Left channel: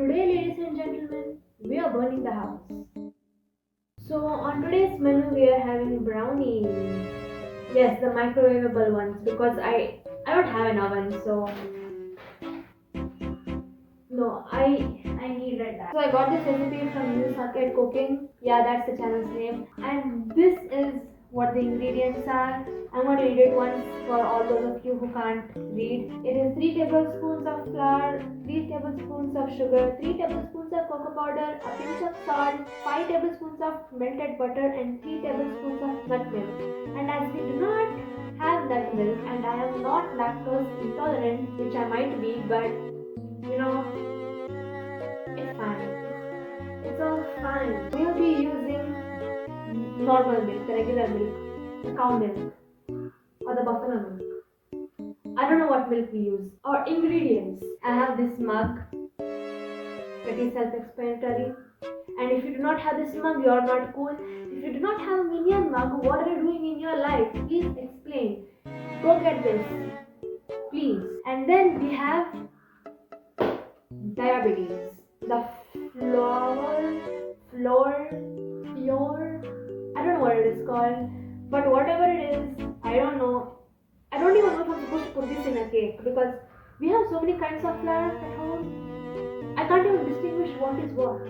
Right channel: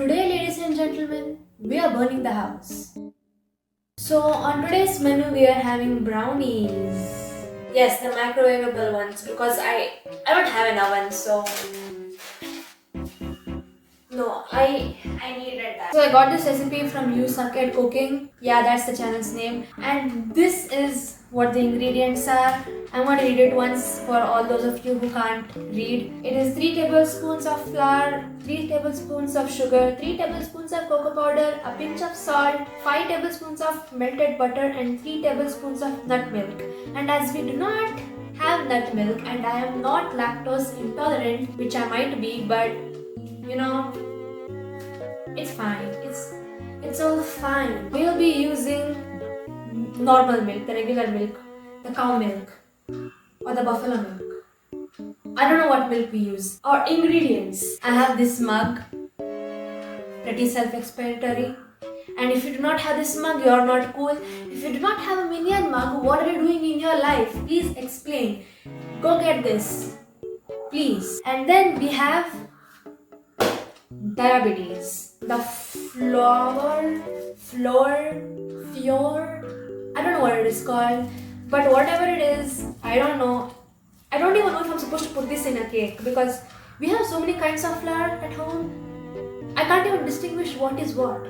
Today, ladies and gentlemen, we are burning the house. So, on today's menu, we are having brownies. Yes, the microwavable ones because I don't have an oven, so no, I needed that. So I got this recipe from You Suck at Cooking. Yeah, that's the channel's name. And this is what the ingredients are. I'm going to read it once for all those of you who can't read. It is 3 tablespoons of flour, 3 tablespoons of sugar, 3 tablespoons of cocoa powder, a pinch of salt, 5 tablespoons of melted butter, and 3 tablespoons of nut milk. And as we do not have nut milk and I am not lactose intolerant, which I might be, but you know, it's fine. It's all fine. We'll be using normal milk, the regular milk, the cow milk, or the buffalo milk. I don't know what milk we use. Our ingredients. I have this mug. Pretty self-explanatory. And if you do not have this mug, you are not cool. If you do not have a minion mug, what are you doing in your life? Please explain. Go get this. Please. And then we have diabetes. The I don't know what it is called, but whatever it is, I don't know. I don't even know if I'm supposed to put this in a cake because we have so many kinds of flour at home. I can't even distinguish what is what.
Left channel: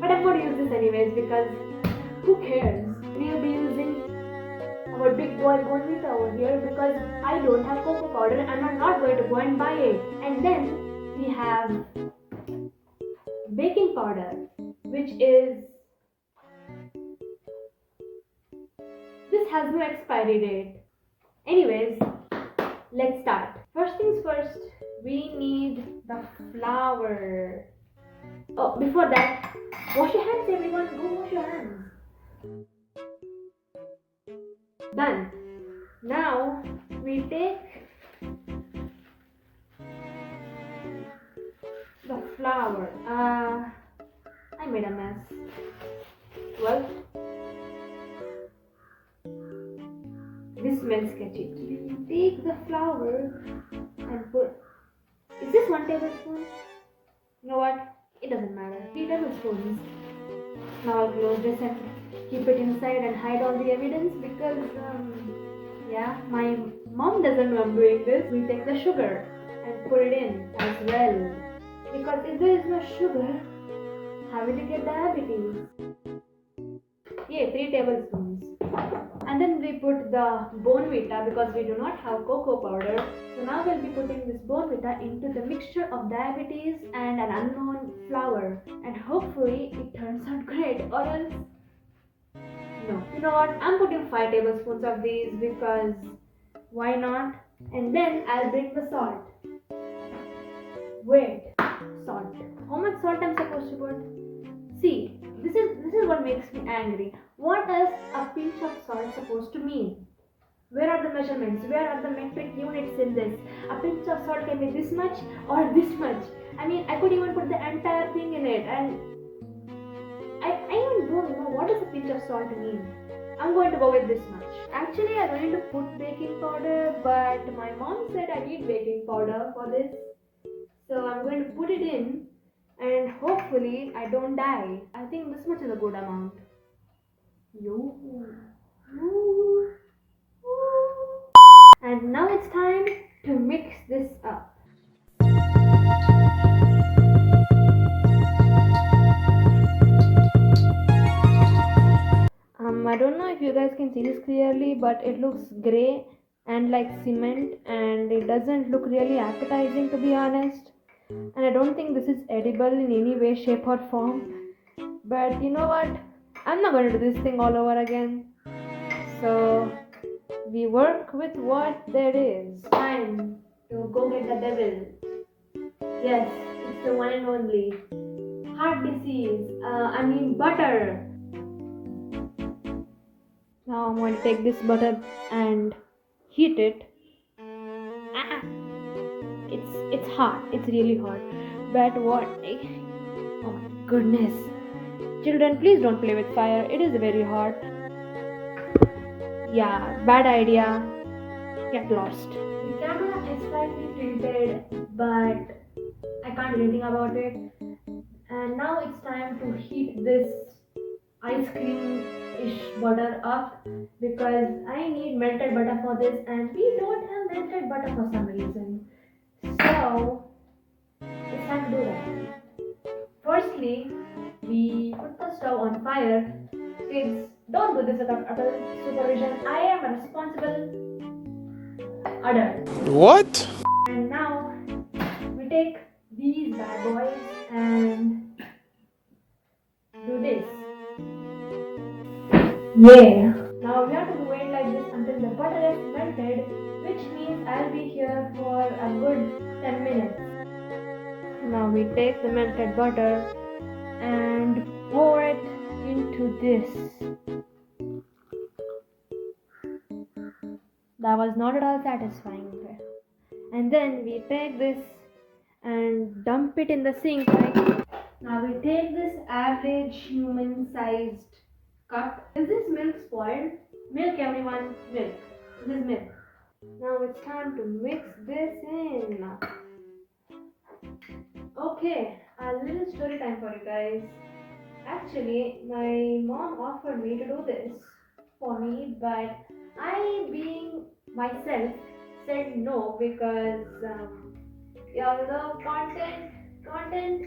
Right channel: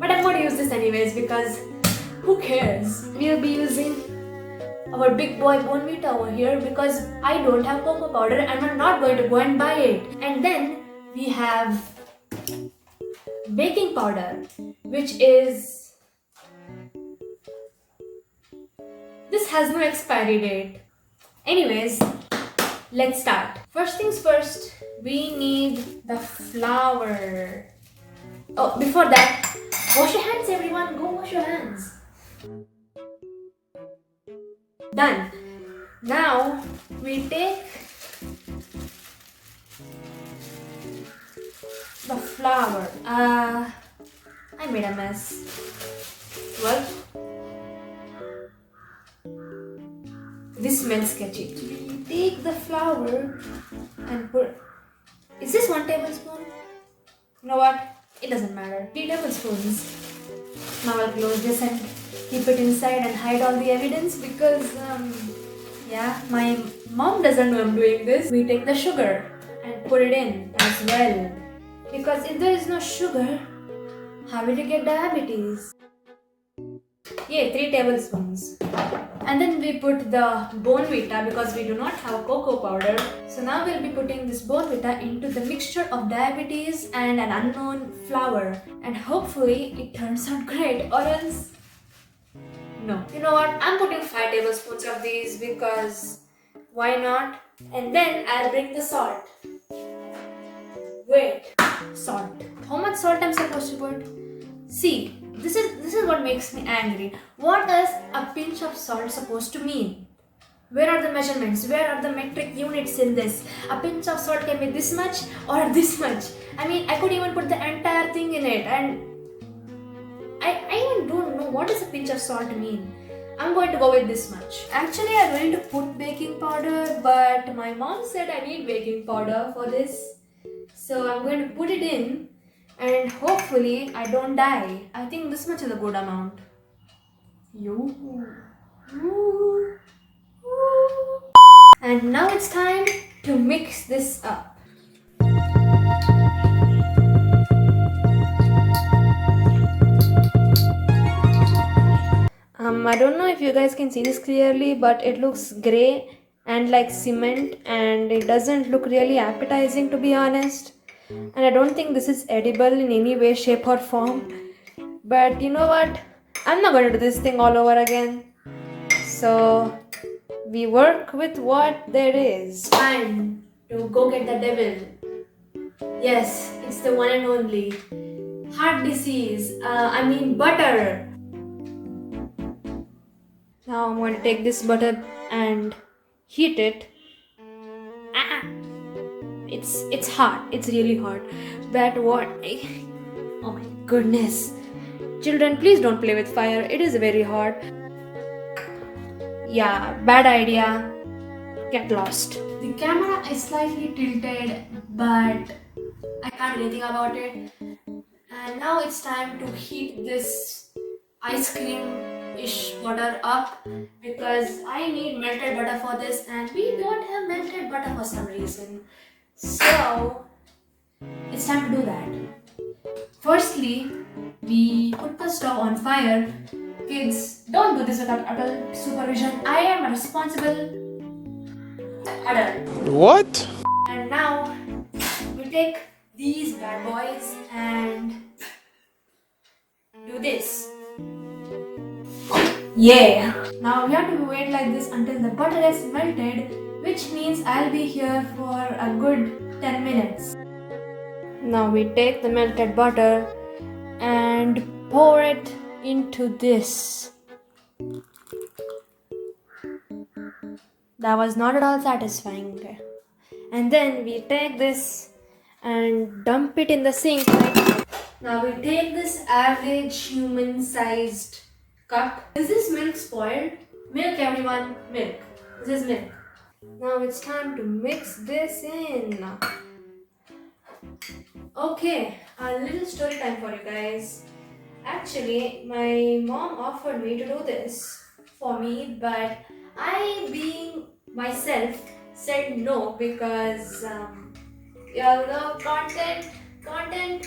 But I'm going to use this anyways because who cares? We'll be using our big boy bounvita over here because I don't have cocoa powder and I'm not going to go and buy it. And then we have baking powder, which is, this has no expiry date. Anyways, let's start. First things first, we need the flour. Oh, before that, wash your hands, everyone. Go wash your hands. Done. Now we take the flour. I made a mess. Well, this smells sketchy. We take the flour and put. Is this 1 tablespoon? You know what? It doesn't matter. 3 tablespoons. Now I'll close this and keep it inside and hide all the evidence because, yeah, my mom doesn't know I'm doing this. We take the sugar and put it in as well. Because if there is no sugar, how will you get diabetes? Yeah, 3 tablespoons. And then we put the bounvita because we do not have cocoa powder. So now we'll be putting this bounvita into the mixture of diabetes and an unknown flour. And hopefully it turns out great, or else no. You know what? I'm putting 5 tablespoons of these because why not? And then I'll bring the salt. Wait, salt. How much salt I'm supposed to put? See, this is what makes me angry. What is a pinch of salt supposed to mean? Where are the measurements? Where are the metric units in this? A pinch of salt can be this much or this much. I mean, I could even put the entire thing in it, and I even don't know what does a pinch of salt mean. I'm going to go with this much. Actually, I'm going to put baking powder, but my mom said I need baking powder for this. So I'm going to put it in and hopefully I don't die. I think this much is a good amount. And now it's time to mix this up. I don't know if you guys can see this clearly, but it looks grey and like cement, and it doesn't look really appetizing, to be honest. And I don't think this is edible in any way, shape or form. But you know what? I'm not going to do this thing all over again. So we work with what there is. Time to go get the devil. Yes, it's the one and only. Heart disease. Butter. Now I'm going to take this butter and heat it. It's hot. It's really hot. But what? Oh my goodness. Children, please don't play with fire. It is very hot. Yeah, bad idea. Get lost. The camera is slightly tilted, but I can't do anything about it. And now it's time to heat this ice cream-ish butter up because I need melted butter for this and we don't have melted butter for some reason. So it's time to do that. Firstly, we put the stove on fire. Kids, don't do this without adult supervision. I am a responsible adult. What? And now we take these bad boys and do this. Yeah. Now we have to wait like this until the butter is melted, which means I'll be here for a good 10 minutes. Now we take the melted butter and pour it into this. That was not at all satisfying. And then we take this and dump it in the sink. Now we take this average human sized cup. Is this milk spoiled? Milk, everyone, milk. This is milk. Now it's time to mix this in. Okay, a little story time for you guys. Actually, my mom offered me to do this for me, but I, being myself, said no because y'all know content,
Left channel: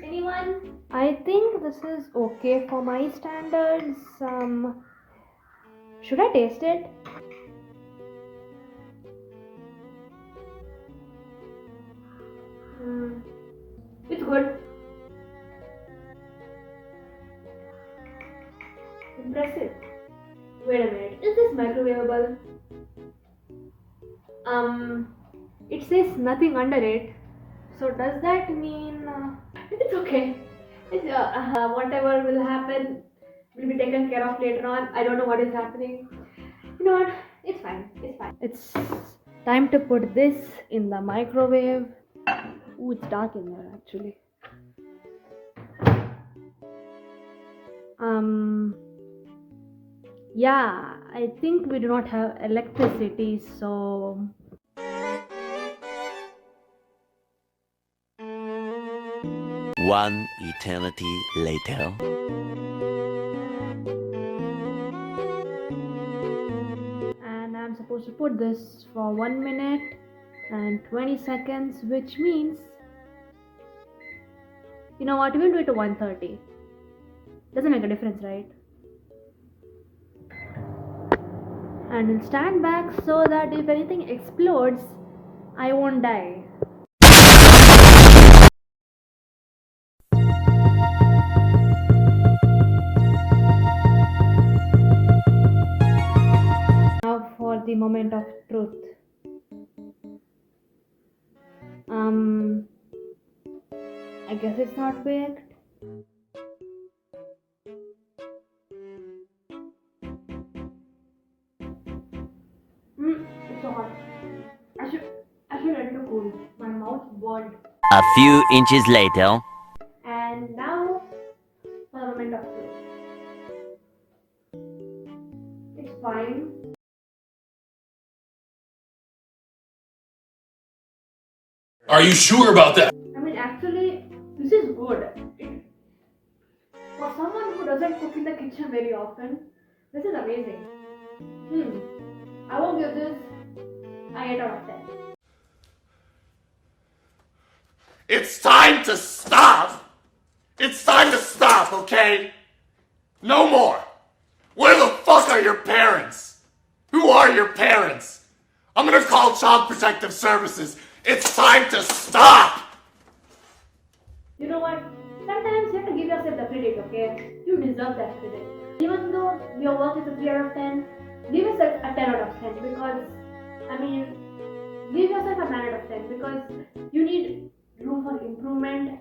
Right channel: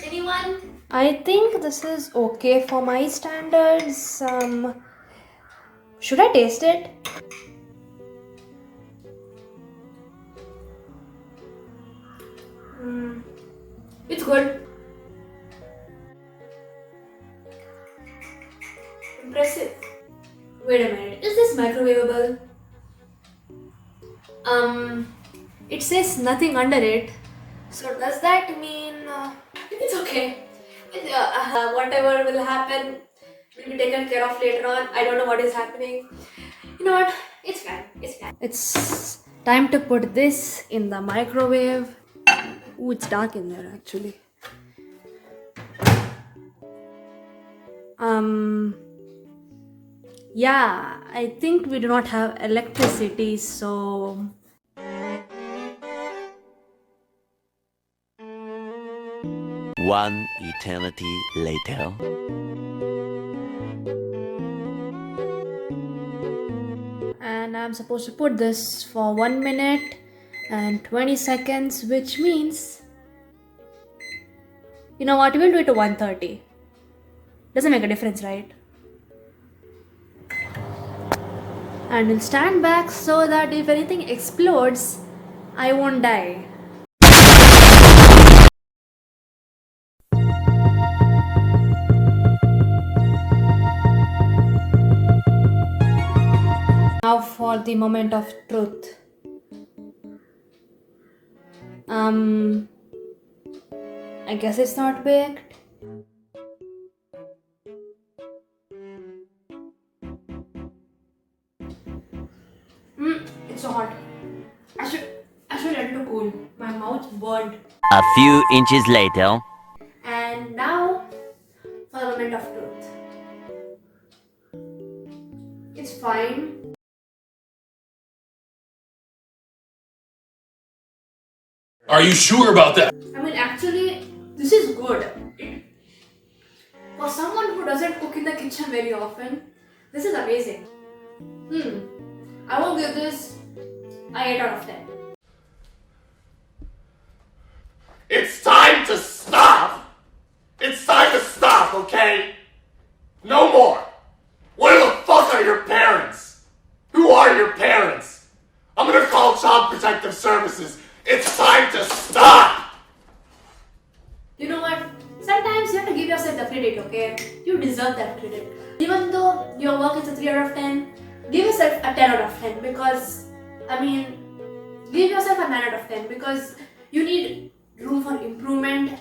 anyone? I think this is okay for my standards. Should I taste it? It's good. Impressive. Wait a minute, is this microwavable? It says nothing under it. So does that mean it's okay? Whatever will happen will be taken care of later on. I don't know what is happening. You know what? It's fine. It's fine. It's time to put this in the microwave. Ooh, it's dark in there actually. Yeah, I think we do not have electricity, so One eternity later. and I'm supposed to put this for 1 minute and 20 seconds, which means, you know what, we'll do it to 1:30. Doesn't make a difference, right? And we'll stand back so that if anything explodes, I won't die. Now for the moment of truth. I guess it's not baked. It's so hot. I should let it to cool. My mouth burned. A few inches later. And now for the moment of truth. It's fine. Are you sure about that? I mean, actually, this is good. For someone who doesn't cook in the kitchen very often, this is amazing. I will give this an 8 out of 10. It's time to stop! It's time to stop, okay? No more! Where the fuck are your parents? Who are your parents? I'm gonna call Child Protective Services. It's time to stop! You know what? Sometimes you have to give yourself the credit, okay? You deserve that credit. Even though your work is a 3 out of 10, give yourself a 10 out of 10 because, give yourself a 9 out of 10 because you need room for improvement.